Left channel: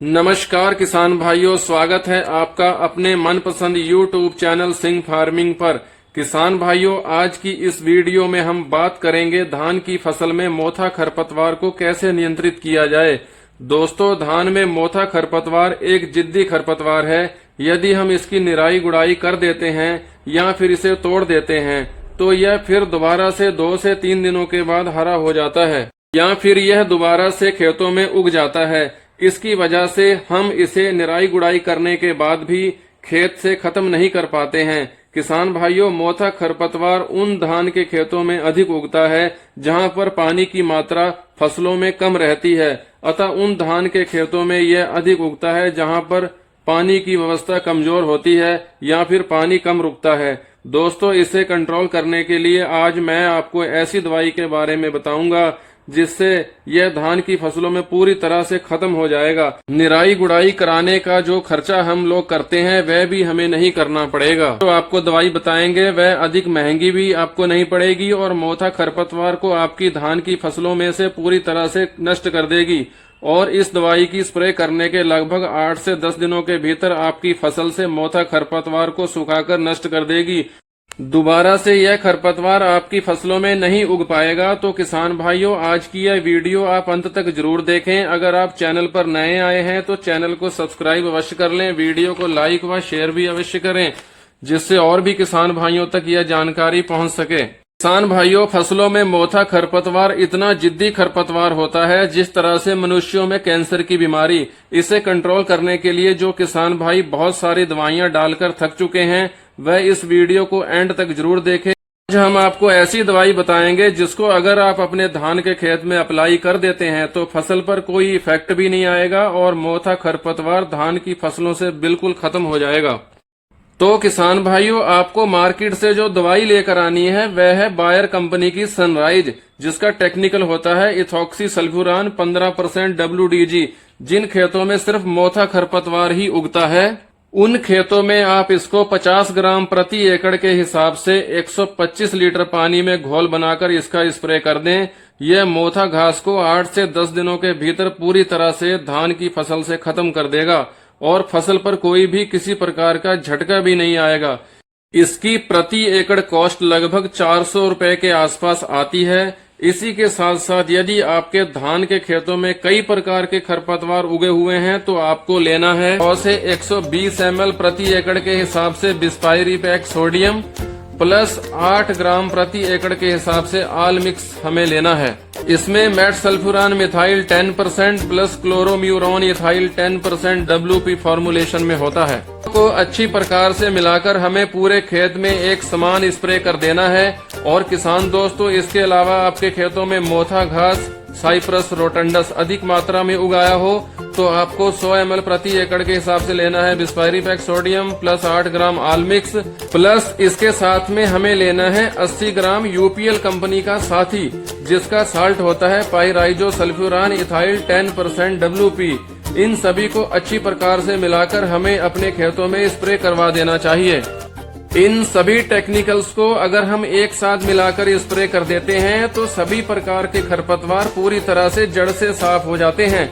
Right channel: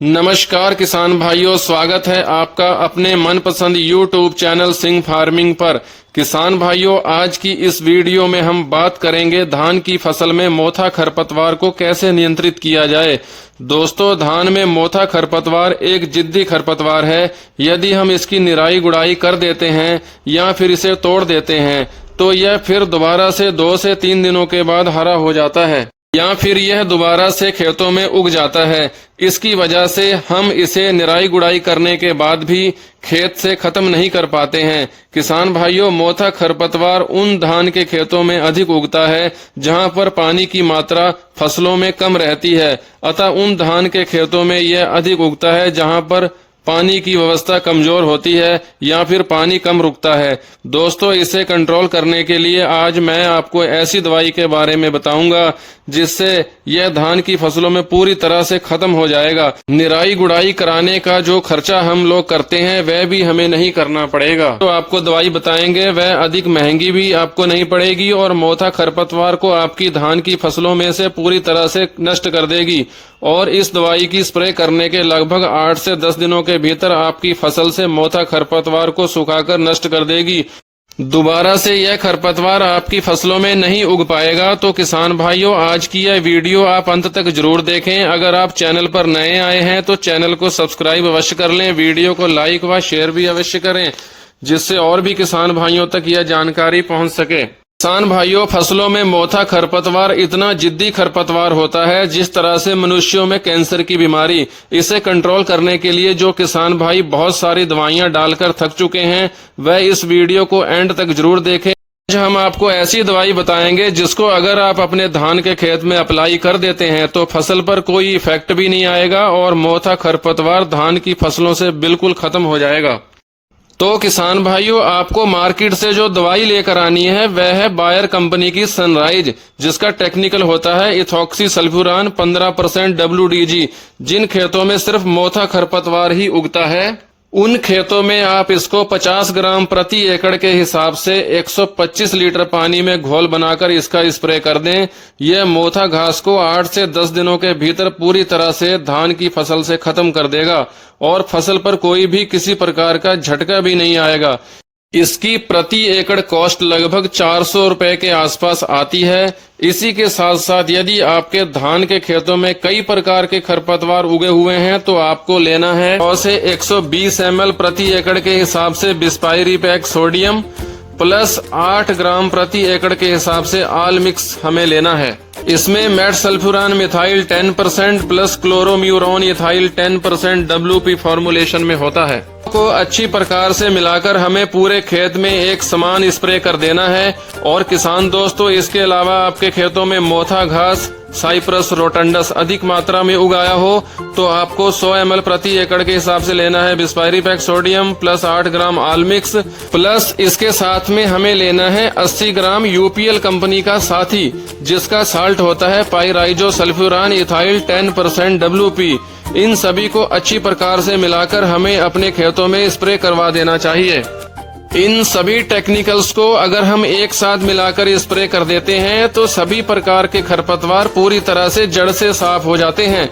नमस्कार किसान भाइयों, स्वागत है आपका अपने मनपसंद YouTube चैनल सिंह फार्मिंग पर। किसान भाइयों, आज की इस वीडियो में हम बात करेंगे धान की फसल में मोथा खरपतवार को कैसे नियंत्रित किया जाए। दोस्तों, धान में मोथा खरपतवार एक जिद्दी खरपतवार है। यदि हम इसकी निराई गुड़ाई कर देते हैं या फिर इसे तोड़ देते हैं तो यह फिर दोबारा से 2 से 3 दिनों के बाद हरा हो जाता है या फिर यह दोबारा से खेतों में उग जाता है। इसकी वजह से हम इसे निराई गुड़ाई करने के बाद भी खेत से खत्म नहीं कर पाते हैं। किसान भाइयों, मोथा खरपतवार उन धान के खेतों में अधिक उगता है जहां पर पानी की मात्रा फसलों में कम रहती है, अतः उन धान के खेतों में यह अधिक उगता है जहां पर पानी की व्यवस्था कमजोर होती है या फिर पानी कम रुकता है। दोस्तों, इसे कंट्रोल करने के लिए आज मैं आपको ऐसी दवाई के बारे में बताऊंगा जिससे यह धान की फसलों में पूरी तरह से खत्म हो जाएगा। निराई गुड़ाई कराने का जो खर्चा हम लोग करते हैं वह भी हमें नहीं करना पड़ेगा। तो आपको दवाई बताएंगे वह अधिक महंगी भी आपको नहीं पड़ेगी और मोथा खरपतवार को आपकी धान की फसलों में से पूरी तरह से नष्ट कर देगी। और इस दवाई की स्प्रे करने के लगभग 8 से 10 दिनों के भीतर आपकी फसल से मोथा खरपतवार को सुखाकर नष्ट कर देगी। दोबारा से यह खरपतवार आपकी फसलों में नहीं उग पाएगा। तो किसान भाइयों, आज की यह वीडियो आप अंत तक जरूर देखें। अगर आप चैनल पर नए आए हैं तो चैनल को सब्सक्राइब अवश्य कर लें, वीडियो को लाइक व शेयर भी अवश्य करें जिससे और भी किसान भाइयों तक यह जानकारी पहुंच सके। किसान भाइयों, फसलों में मोथा खरपतवार इतना जिद्दी खरपतवार होता है जिस तरह से मनुष्यों में कैंसर की बीमारी। इसे कंट्रोल करने के लिए जो किसान भाई बहुत सारी दवाइयां डालकर थक चुके हैं वह इस वीडियो को एंड तक जरूर देखें। आज हम आपको ऐसी दवाई बताएंगे जिसको अगर आप अपने धान के खेत में अप्लाई कर देते हैं तो फसल पर कोई इफेक्ट भी नहीं आएगा और मोथा खरपतवार धान की फसलों से बिल्कुल खत्म हो जाएगा। तो किसान भाइयों, आपको मार्केट से जो दवाई लेकर आनी है वह है बायर कंपनी की सनराइज, जिसका टेक्निकल होता है इथॉक्सी सल्फ्यूरान 15% WDG। जिन खेतों में सिर्फ मोथा खरपतवार ही उगता है उन खेतों में आप इसको 50 ग्राम प्रति एकड़ के हिसाब से 125 लीटर पानी में घोल बनाकर इसका स्प्रे कर दें। यह मोथा घास को 8 से 10 दिनों के भीतर पूरी तरह से धान की फसल से खत्म कर देगा और फसल पर कोई भी किसी प्रकार का झटका भी नहीं आएगा। इसकी प्रति एकड़ कॉस्ट लगभग 400 रुपए के आसपास आती है। इसी के साथ साथ यदि आपके धान के खेतों में कई प्रकार के खरपतवार उगे हुए हैं तो आपको लेना है 100 से 120 ml प्रति एकड़ के हिसाब से बिस्पायरी पैक सोडियम प्लस 8 ग्राम प्रति एकड़ के हिसाब से आल मिक्स हमें लेना है। इसमें metsulfuron methyl 10% plus chlorimuron ethyl 10% WP formulation में होता है। को अच्छी प्रकार से मिलाकर हमें पूरे खेत में एक समान स्प्रे कर देना है। और किसान दोस्तों, इसके अलावा आपके खेतों में मोथा घास साइप्रस रोटंडस अधिक मात्रा में उगाया हो तो आपको 100 ml प्रति एकड़ के हिसाब से लेना है बिस्पायरी पैक सोडियम प्लस 8 ग्राम आल मिक्स प्लस इसके साथ में हमें लेना है 80 ग्राम UPL कंपनी का साथी जिसका साल्ट होता है पाइराइजो सल्फ्यूरान इथाइल 10% WP। इन सभी को अच्छी प्रकार से मिलाकर हमें अपने खेतों में स्प्रे करवा देना चाहिए। इन सभी टेक्निकल्स को अगर हम एक साथ मिलाकर स्प्रे कर देते हैं तो सभी प्रकार के खरपतवार पूरी तरह से जड़ से साफ हो जाते हैं।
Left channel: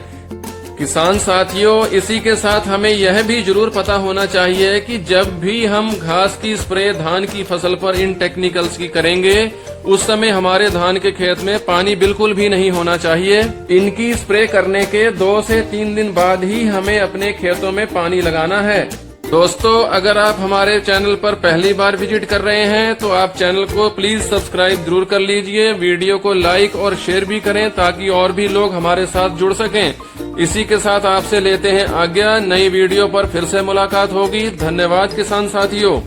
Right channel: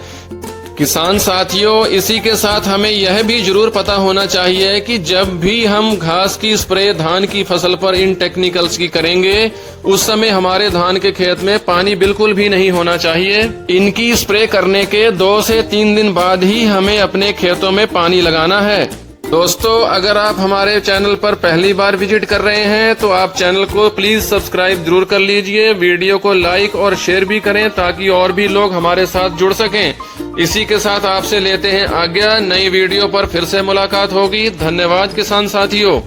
किसान साथियों, इसी के साथ हमें यह भी जरूर पता होना चाहिए कि जब भी हम घास की स्प्रे धान की फसल पर इन टेक्निकल्स की करेंगे उस समय हमारे धान के खेत में पानी बिल्कुल भी नहीं होना चाहिए। इनकी स्प्रे करने के 2 से 3 दिन बाद ही हमें अपने खेतों में पानी लगाना है। दोस्तों, अगर आप हमारे चैनल पर पहली बार विजिट कर रहे हैं तो आप चैनल को प्लीज सब्सक्राइब जरूर कर लीजिए, वीडियो को लाइक और शेयर भी करें ताकि और भी लोग हमारे साथ जुड़ सकें। इसी के साथ आपसे लेते हैं आज्ञा। नई वीडियो पर फिर से मुलाकात होगी। धन्यवाद किसान साथियों।